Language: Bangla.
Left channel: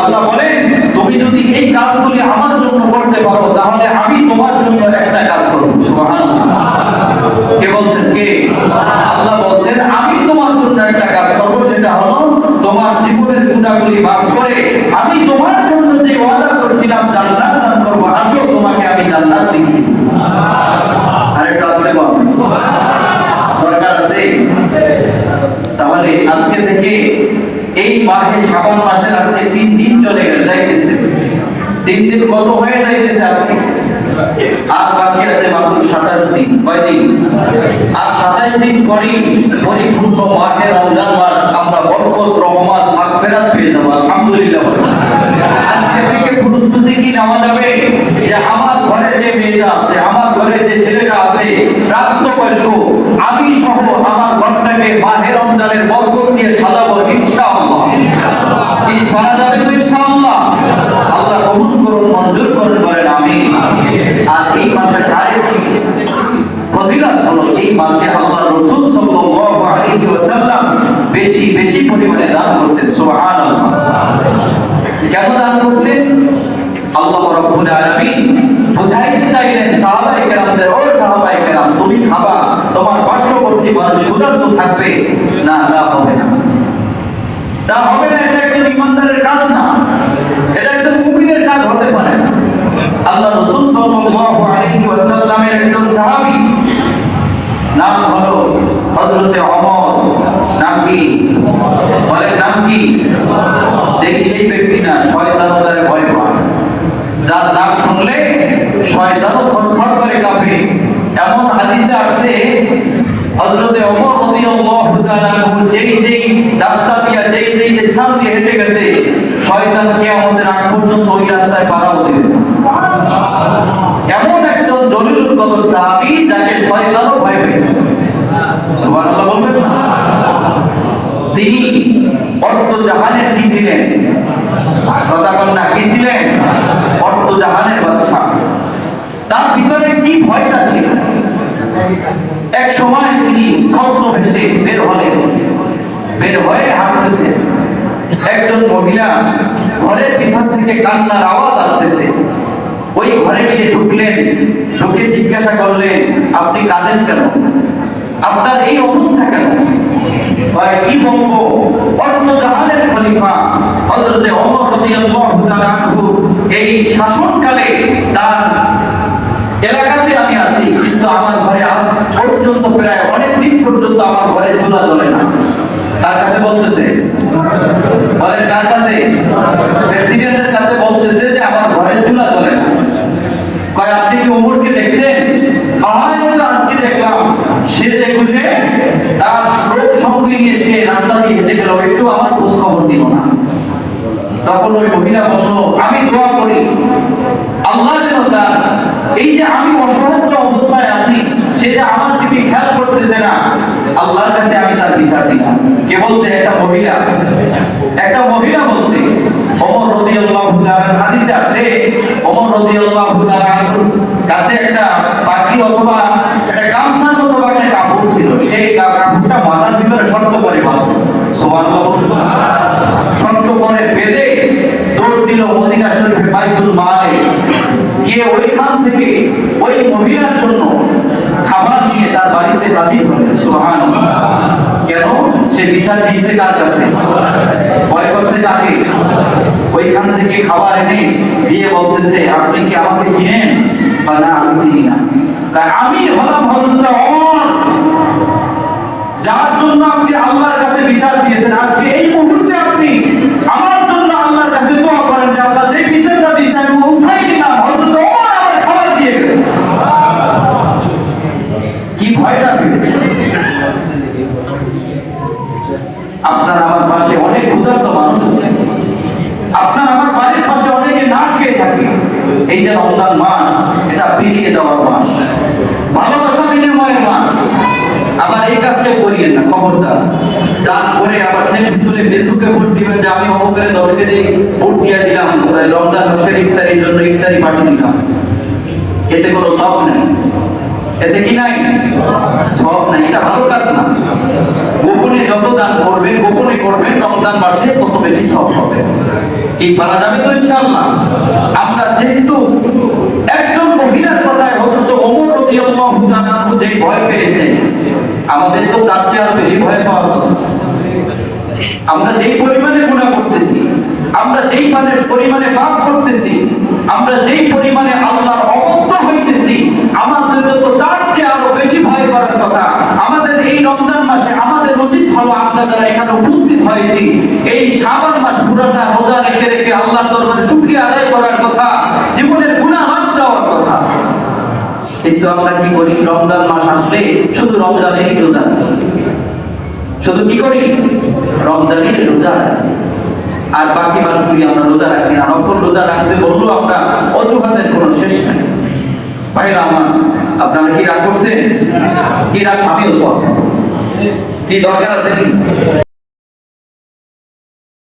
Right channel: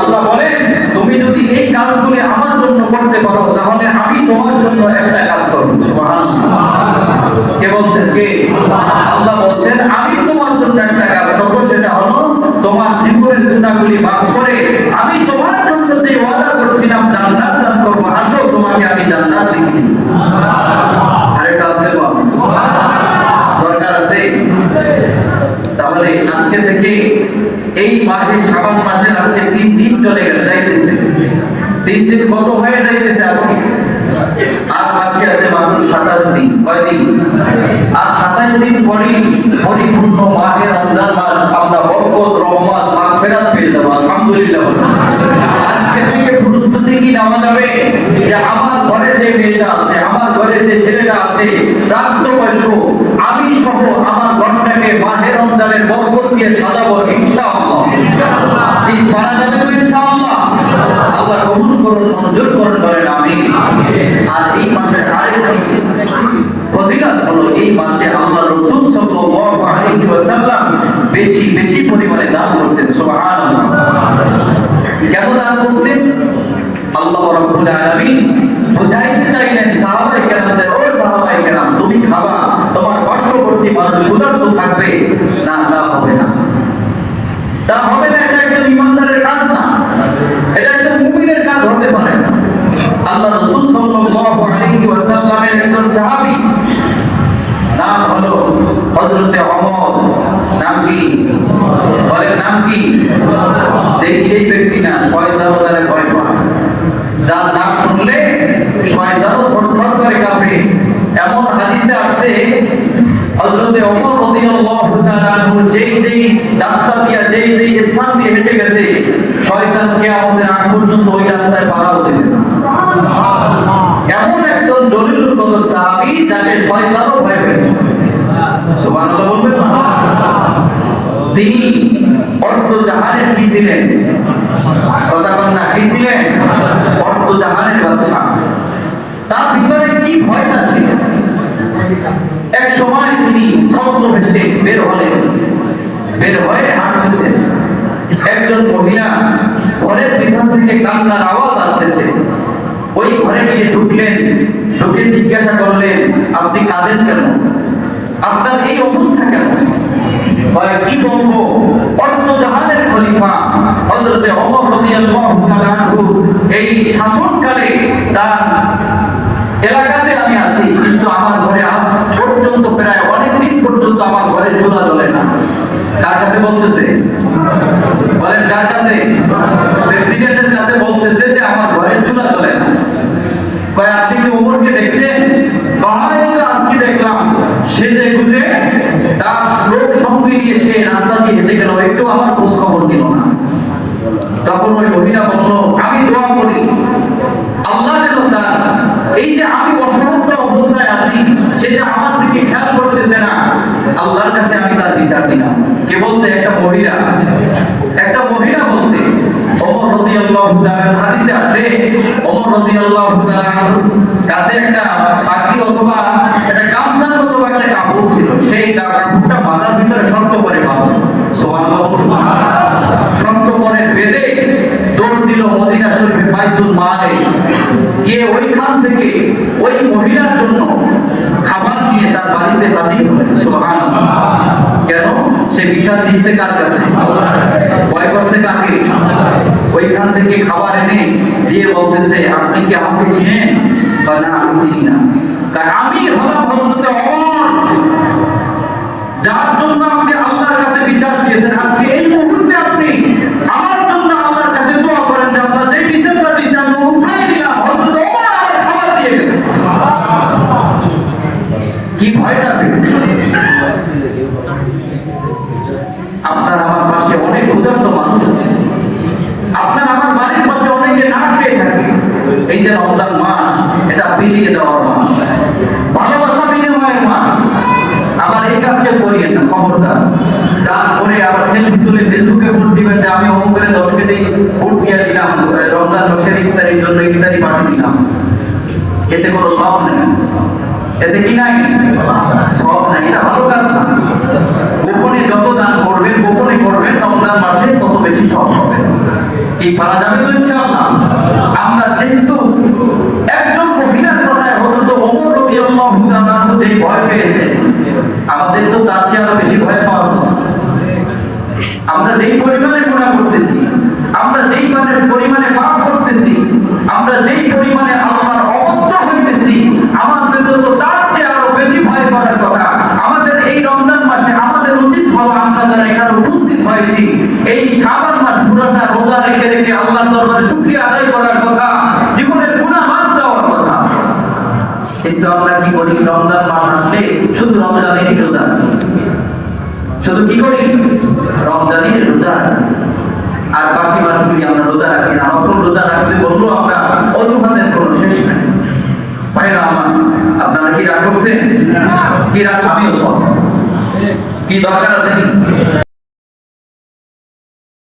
আল্লাহ বলেন তুমি যদি এই কাজগুলি আমার জন্য করতে পারো তাহলে আমি তোমার জন্য একটা কাজ করব সুবহানাল্লাহ কে বলছেন কে? আল্লাহ বলছেন, আমি তোমার জন্য একটা কাজ করব সেটা হলো তোমার জীবনের গুণাগুলি মাফ করে আমি তোমার জন্য যে ওয়াদা করছিলাম, জান্নাত দান করব। আসো, তোমাকে আমি জান্নাত দিব। আরেকটা আসলে দরকার আছে? তাহলে আজকে থেকে এই মাসে, শ্রাবণ মাসের আজকে তিন দিন চলে গেল, যাইতেছে। তিন দিন কত হয়ে যাইতেছে আজকে আর বাকি আছে মাত্র সাতাশ দিন আর সাতাশ দিন পরেই পরিপূর্ণ মাহে রমজান মাস আমরা বরকত, রহমত মাগফিরাত পেয়ে যাব, আলহামদুলিল্লাহ। আজকে থেকে প্রস্তুতি কি নেওয়া যাবে যে আমার ঘরে যে মেয়েটা আছে, আমার ঘরে যে ছেলেটা আছে, প্রাপ্তবয়স্ক, আমি সহ আমার ঘরটাকে মাহে রমজানের বরকত দিয়ে সাজাবো ইনশাআল্লাহ। করা যাবে তো ইনশাআল্লাহ? আল্লাহ কবুল করুন, মঞ্জুর করুন, বলেন আমি আর এই মাসের আরেকটি ফজিলত হলো এই মাসে আল্লাহ রাসূল সাল্লাল্লাহু আলাইহি ওয়াসাল্লাম বেশি বেশি পরিমাণে দান করতেন, সুবহানাল্লাহ। কেন দান করতেন আল্লাহ রাব্বুল আলামিন বুঝাইতে চাইলেন, সাহাবায়ে কেরামদের, ও সাহাবায়ে কেরাম, তুমি খাবা, তোমার পার্শ্ববর্তী মানুষ ক্ষুধার্ত থাকবে। না, তা হবে না। তা হবে না, এটা একজন ইমানদারের কাজ না। এটা একজন মুমিনের কাজ হতে পারে। আল্লাহ রাসূল সাল্লাল্লাহু আলাইহি ওয়াসাল্লামের সাহাবী নাম হলো হযরতে ওমর নাম কি? বলেন, নাম কি? যেই সেই ব্যক্তি না শয়তান তারে ভয় পায়। যার নাম শুনলে শয়তানও থরথর করে কাঁপে। এমন হাদিসে আছে, হযরতে ওমর রাদিয়াল্লাহু তাআলা যেই যেই রাস্তা দিয়া যেই যেই স্থান দিয়ে হেঁটে গেছে শয়তান কিয়ামতের আগ পর্যন্ত ওই রাস্তায় পাড়াও দেবে না। এমন একজন জলিলুল কদর সাহাবী যাকে শয়তানও ভয় পেয়েছে সুবহানাল্লাহ বলবেন না তিনি অর্থ জাহানের কি ছিলেন? না কি ছিলেন? অর্থ জাহানের বাদশা। তার ভিতরে কি ভয়টা ছিল? এক সময় তিনি ছদ্ম ভেসে বের হলেন। বের হয়ে হাঁটতেছেন একজন মহিলা ঘরের পিছন থেকে কান্নার আওয়াজ আসতেছে। ওই ঘরে গিয়ে ঢুকলেন, ঢুকে জিজ্ঞাসা করলেন, আপনি কাঁদেন কেন? আপনার এই অবস্থা কেন? বলে কি বলব? অর্থ জাহানের খলিফা রাদিয়াল্লাহু তাআলা এই শাসনকালে এলাকাতে আমি আছি কিন্তু আমার ঘরে আজ পর্যন্ত প্রায় অনেক দিন পর্যন্ত আমার ঘরে চুলা জ্বলে না তার কাছে বলতেছে বলেন কার কাছে প্রেসিডেন্টের কাছে বলতেছে যে আমার ঘরে চুলা জ্বলে না কয় আপনি কি ওমরকে দেখছেন বাহাই তো আজকে দেখলাম সে যে খুঁজে তার লোক সঙ্গে রাস্তা দিয়ে হেঁটে গেল, একটু আমার খোঁজ খবর দিল না। তখন ওই মহিলা বলল, আমি দোয়া করি, আল্লাহ যেন তার এই যে আমি অসহায় অবস্থায় আছি সে যে আমার দিকে খেয়াল করতেছে না। আল্লাহর কাছে আমি তার বিচার দিলাম। কে বলছে? একটা মহিলা। একটা মহিলা বলছে, ওমর রাদিয়াল্লাহু তাআলা হাদিসে আছে, ওমর রাদিয়াল্লাহু তাআলা কাছে একটা পাখি অথবা একটা গামছার মতো বা একটা কাপড় ছিল সেই কা- কাপড়টা মাথার ভিতরে শক্ত করে বাঁধো সুবহানাল্লাহ বলুন। শক্ত করে বেঁধে দৌড় দিল মদিনা শরীফে বাইতুল মালে গিয়ে ওইখান থেকে ওই মহিলার জন্য খাবার নিয়ে তার বাড়িতে হাজির সুবহানাল্লাহ। কেন? সে বিচার দিয়েছে কার কাছে? ভয় করছে কাকে? ওইখান থেকে খাবার এনে দিয়ে বলতেছে, আপনি কি আমাকে চিনেন বা না, আমি চিনি না? তাই আমি হলাম হযরত যার জন্য আপনি আল্লাহর কাছে বিচার দিয়েছেন। আপনার আমার পাশে অনেক ক্ষুধার্ত মানুষ আছে। আপনার আমার বাড়ির পাশে অনেকে না খেয়ে থাকে। এই যে রমজান মাস, এটা পেরিয়ে দেওয়ার মাস। ভালোবাসা বিনিময়ের মাস। আবার এই কাজটা করিয়েন না, খবরদার। যা করে আবার সেলফি তুলে ফেসবুকে ভোট দিবেন যে আমি অমুকের দশ কেজি ভোট দিয়ে দিলাম রমজান মাসের ইফতারির জন্য ইফতারি পাঠিয়ে দিলাম। এতে কোনো সব নেই। এতে কি নাই? সব নাই। এটা ভালো কাজ না। গোপনে যত দান করবেন, গোপনে করবেন, তত বেশি সব হবে। কি পারা যাবে তো আমরা যেহেতু একজন মহিলার কথায় যে ভয় পেয়েছে, আমাদের তো তার চেয়ে আরও বেশি ভয় পাওয়ার কথা আমরা যেই পরিমাণে গুণা করতেছি, আমরা যেই পরিমাণে পাপ কথা, আমাদের এই রমজান মাসে আমাদের উচিত হওয়া আমরা যারা এখানে উপস্থিত হয়েছি। এই শাবান মাস পুরাটা রোজা রেখে রেখে আল্লাহর দরবারে শুকরিয়া আদায় করার কথা জীবনের গুণা মাফ যাওয়ার কথা। কিন্তু আমরা কি করি? রমজান মাস আসলে শুধু রমজানেরই রোজা শুধু কি করি? রমজানের রোজা। আর বাকি মাসগুলি আমরা রোজা রাখি না নকল রোজা রাখতে বললেও আমরা নাই ভাইরা আমার আপনারা কি রাগ করছেন? কি রাগ আমিও সব কি দরকার আছে?